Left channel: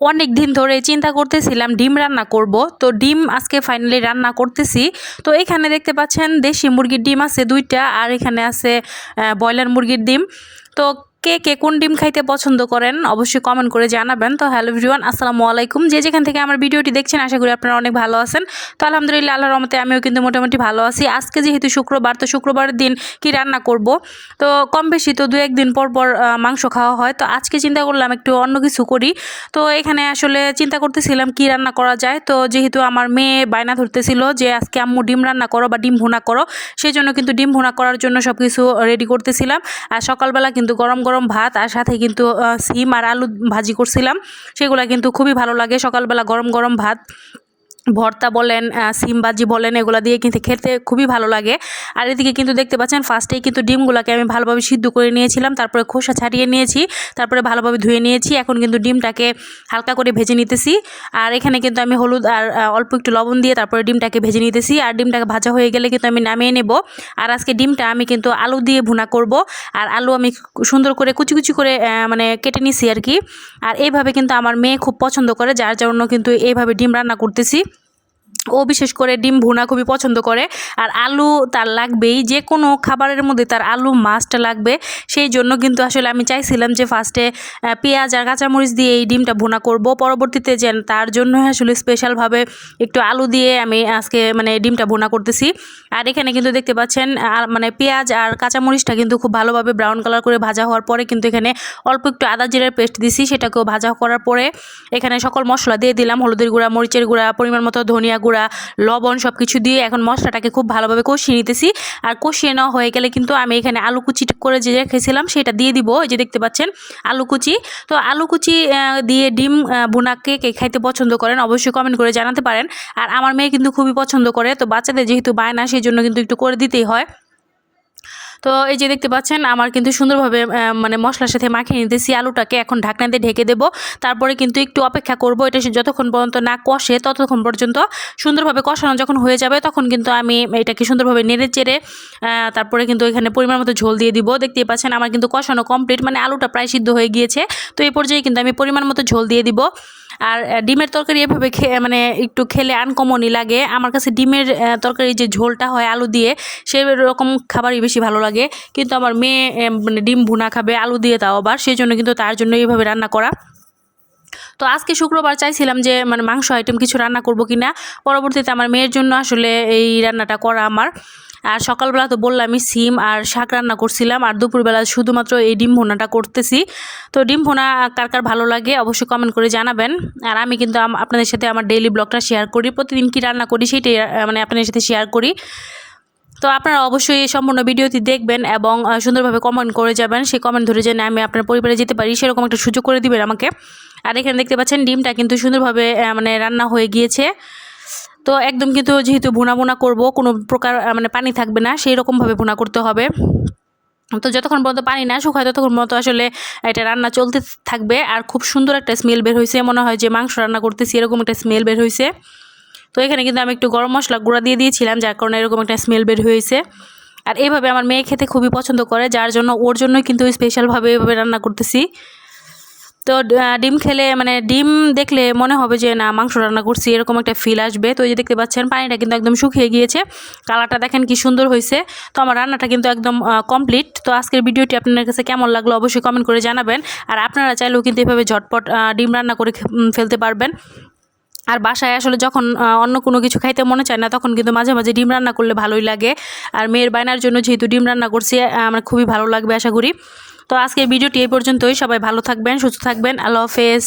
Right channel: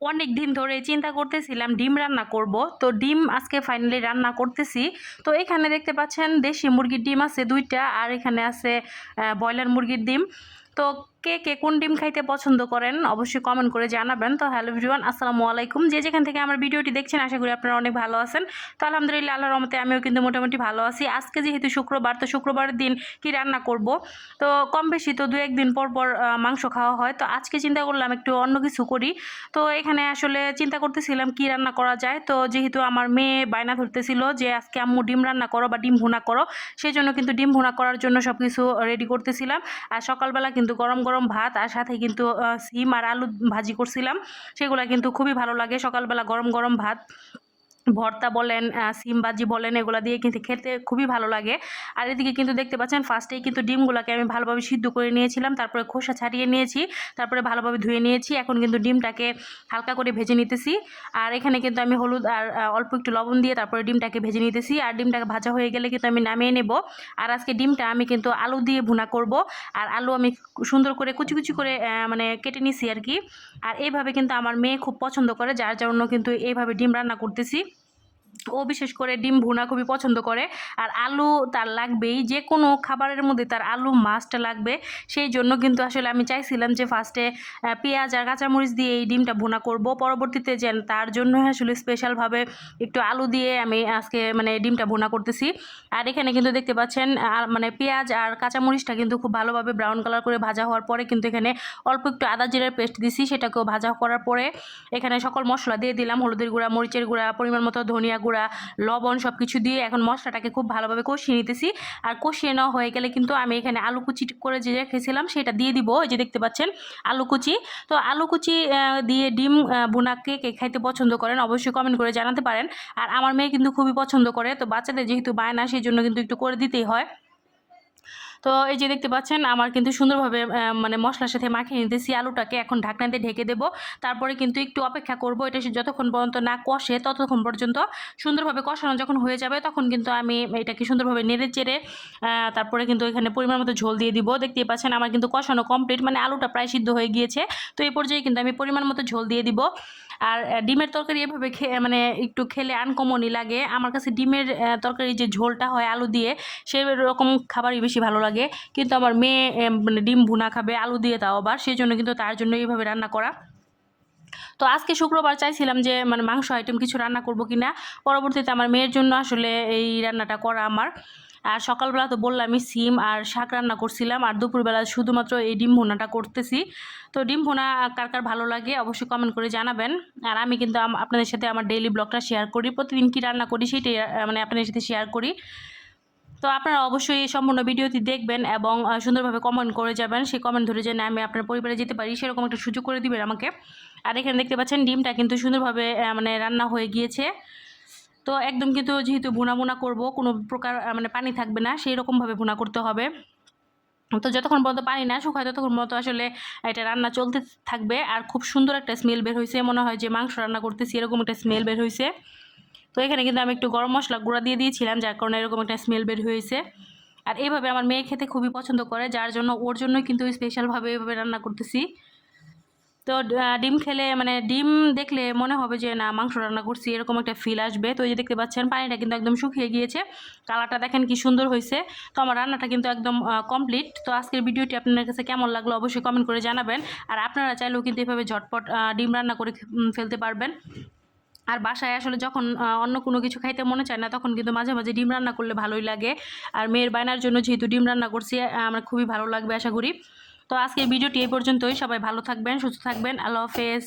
অনেক দিন ধরে চিন্তা করতেছিলাম ডিম রান্না করব। তো ডিম আজকে ফাইনালি রান্না করতেছি। তো এখানে দেখতে পাচ্ছেন দেশি মুরগির ডিম আছে 2টা, আর এখানে আছে ব্রয়লার মুরগির ডিম। তো কে কে কোন ডিম খাইতে পছন্দ করেন অবশ্যই কমেন্ট করে জানাবেন। তো হ্যালো এভরিওয়ান, আসসালামু আলাইকুম। যে যেখান থেকে আমার ভিডিওটি দেখছেন আশা করি আপনারা অনেক ভালো আছেন। তো আলহামদুলিল্লাহ, আল্লাহর রহমতে আমিও কিন্তু মোটামুটি ভালো আছি। আজকে যেহেতু শুক্রবার, তো শুক্রবারের দিন কি রান্না করব, তো কম বেশি তো 2-1 দিন পর পর মাংস খাওয়া হয়। তো আজকে চিন্তা করলাম একটু অন্য কিছু করি। তো এখানে আসলে চিন্তা করতেছিলাম কি রান্না করা যায়। তো যেহেতু আমার মেয়ে বায়না ধরতেছিল যে আজকে আম্মু ডিম রান্না করো বা ডিম ভুনা করো, সেই জন্য কিন্তু ডিম ভুনা করার জন্য সব কিছু রেডি করতেছিলাম। আর সকালবেলা কিন্তু গরম গরম ভাত আর সাথে কিন্তু সিম আর আলু ভাজি করছিলাম। সেগুলো কিন্তু খুবই ভালো লাগে সকালবেলা গরম গরম ভাত, ভর্তা বলেন, সিম ভাজি বলেন, এগুলো দিয়ে কিন্তু খেতে খুবই ভালো লাগে। আর এদিকে কিন্তু দেখতে পাচ্ছেন ফার্স্টেই কিন্তু ডিমগুলোকে আমি ভালোভাবে সিদ্ধ করে নিয়েছিলাম, তারপরে খোসা ছাড়িয়ে নিয়েছি, তারপরে ভালোভাবে ধুয়ে নিয়েছি। এখন কিন্তু ডিমটাকে হালকা করে ভেজে নিতেছি। আর এখানে কিন্তু আমি হলুদ আর অল্প একটু লবণ দিয়ে তারপরে ডিমটাকে ভেজে নিতেছি। আর ডিমটাকে ভাজা হয়ে গেলে কিন্তু আমি নামিয়ে নেব। আর আজকে ডিমটা আমি কিন্তু আলু দিয়ে ভুনা করব। আর আলু আমি সুন্দর করে কুচি কুচি করে মানে কেটে নিছি আর কি। আর এইভাবে কিন্তু আমার মেয়ে খুব পছন্দ করে, যার জন্য কিন্তু এইভাবে ডিম রান্না করতেছি। ও বিশেষ করে ডিম ভুনা খুবই পছন্দ করে। আর আলু তার লাগবেই, যে কোনো খাবারের মধ্যে তার আলু মাস্ট লাগবে। সেই জন্য কিন্তু আসলে আমি চাইছিলাম যে ফার্স্টে পেঁয়াজ আর কাঁচামরিচ দিয়ে এই ডিমটা ভুনা করব, পরবর্তীতে যেন তার জন্য আসলে স্পেশালভাবে একটু আলু দিয়ে আমি আজকে মানে ডিমটা ভুনা করতেছি। আর এখানে কিন্তু দেখতে পাচ্ছেন মানে পেঁয়াজ আর কাঁচামরিচটা কিন্তু খুব ভালোভাবে ব্রাউন কালার করে ভাজা হওয়ার পরে কিন্তু এখানে অল্প একটু আদা জিরার পেস্ট দিছি, সেটাকেও ভাজা করার পরে এখানে সকল মশলা দিয়ে দিলাম, হলুদের গুঁড়া, মরিচের গুঁড়া, পরিমাণ মতো ধনিয়া গুঁড়া, লবণ, সব কিছু দিয়ে এখন মশলাটাকে খুব ভালোভাবে কষিয়ে নিতেছি। আর কষিয়ে নেওয়া হয়ে গেলে কিন্তু আমি এখানে আলু কুচি করে যে রেখেছিলাম সেটা দিয়ে দিব। এই যে দেখতে পাচ্ছেন আলু কুচি। তো আলু কুচি দিয়ে ডিম ভুনা কে কে খাইতে পছন্দ করেন অবশ্যই কমেন্ট করে জানাতে পারেন। আর আমার মেয়ে কিন্তু খুবই পছন্দ করে, তো বাচ্চাদের যেহেতু বায়না সেই জন্য কিন্তু একটু করে দিতেই হয়। তো এই যে দেখতে পাচ্ছেন আমার কিন্তু সুন্দরভাবে মানে মশলার সাথে মাখিয়ে নিতেছি আলুটাকে। এখন ঢাকনা দিয়ে ঢেকে দেবো, তারপরে কিন্তু একটু অপেক্ষা করব। এটা যতক্ষণ পর্যন্ত না কষে ততক্ষণ পর্যন্ত সুন্দরভাবে কষানো যখন হয়ে যাবে তখন কিন্তু আমি এটাকে সুন্দরভাবে নেড়ে চেড়ে তারপরে কিন্তু এখানে পরিমাণ মতো ঝোল দিয়ে দিব। দেখতেই পাচ্ছেন আমার কিন্তু কষানো কমপ্লিট, মানে আলুটা প্রায় সিদ্ধ হয়ে গিয়েছে। তো এই পর্যায়ে কিন্তু আমি পরিমাণ মতো ঝোল দিয়ে দিব। আর ডিমের তরকারি এভাবে মানে একটু খেলে আনকমনই লাগে আমার কাছে। ডিমের তরকারি যে ঝোলটা হয় আলু দিয়ে, সেই রকম খাবারই বেশি ভালো লাগে। কিন্তু আমার মেয়ে মানে ডিম ভুনা খাবে আলু দিয়ে, তাও আবার, সেই জন্য কিন্তু তার জন্য এইভাবে রান্না করা। তো আজকে শুক্রবার চাইছিলাম যে মানে মাংস আইটেম কিছু রান্না করব কিনা, পরবর্তীতে আমার মেয়ের জন্য আসলে এই রান্নাটা করা আমার। আর সকালবেলা তো বললামই সিম আর শাক রান্না করছিলাম, আর দুপুরবেলা শুধুমাত্র এই ডিম ভুনাটা করতেছি। তো ডিম ভুনা কার কার ভালো লাগে অবশ্যই কমেন্ট করে জানাবেন। আর আমি কিন্তু আপনাদের সাথে আমার ডেইলি ব্লগটা শেয়ার করি, প্রতিদিন কী রান্না করি সেটাই মানে আপনাদের সাথে শেয়ার করি। তো আপনারা অবশ্যই সম্পূর্ণ ভিডিওটি দেখবেন এবং সুন্দরভাবে কমেন্ট করে যাবেন। সেই কমেন্ট ধরে যেন আমি আপনার পরিবারে যেতে পারি সেরকম একটা সুযোগ করে দিবেন আমাকে। আর এখানে দেখতে পাচ্ছেন ডিমটা কিন্তু সুন্দরভাবে মানে রান্না হয়ে গিয়েছে। তো একদম কিন্তু যেহেতু ভুনা ভুনা করব, কোনো প্রকার মানে পানি থাকবে না, সেই রকমভাবে ভুনা করতে হবে। তো যতক্ষণ পর্যন্ত পানি না শুকায় ততক্ষণ পর্যন্ত আসলে এটা রান্না চলতে থাকবে। আর খুব সুন্দর একটা স্মেল বের হয়েছে, মনে হয় যে মাংস রান্না করতেছি এরকম একটা স্মেল বের হয়েছে। তো এখানে কিন্তু আমি একটু গরম মশলা গুঁড়া দিয়ে দিয়েছিলাম, যার কারণে এরকম একটা স্মেল বের হয়েছে। আর এইভাবে আমার মেয়ে খেতে খুবই পছন্দ করে, যার জন্য ওর জন্যই কিন্তু স্পেশালভাবে এইভাবে রান্না করতেছি। তো ডিম খেলে মানে ডিম দেখলে মনে হবে যে না মাংস রান্না করছি, এরকম একটা ফিল আসবে। তো এই যে দেখতে পাচ্ছেন পানিটা কিন্তু একদম শুকিয়ে গিয়েছে, কালারটা দেখেন কি সুন্দর হয়েছে। তো আমার রান্নাটা কিন্তু একদম কমপ্লিট। তো আজকের ভিডিওটি আপনাদের কাছে কেমন লাগলো অবশ্যই কমেন্ট করে জানাবেন। আর আপনারা চাইলেও কিন্তু এভাবে ঝটপট ডিম রান্না করে ফেলতে পারবেন। আর বাসায় আসলে যখন অন্য কোনো কিছু খাইতে মনে চায় না তখন কিন্তু মাঝে মাঝে ডিম রান্না করলে ভালোই লাগে। আর মেয়ের বায়নার জন্য যেহেতু ডিম রান্না করছি আমার খুবই ভালো লাগবে আশা করি। তো আজকের ভিডিওটি এই পর্যন্তই। সবাই ভালো থাকবেন, সুস্থ থাকবেন। আল্লাহ হাফেজ।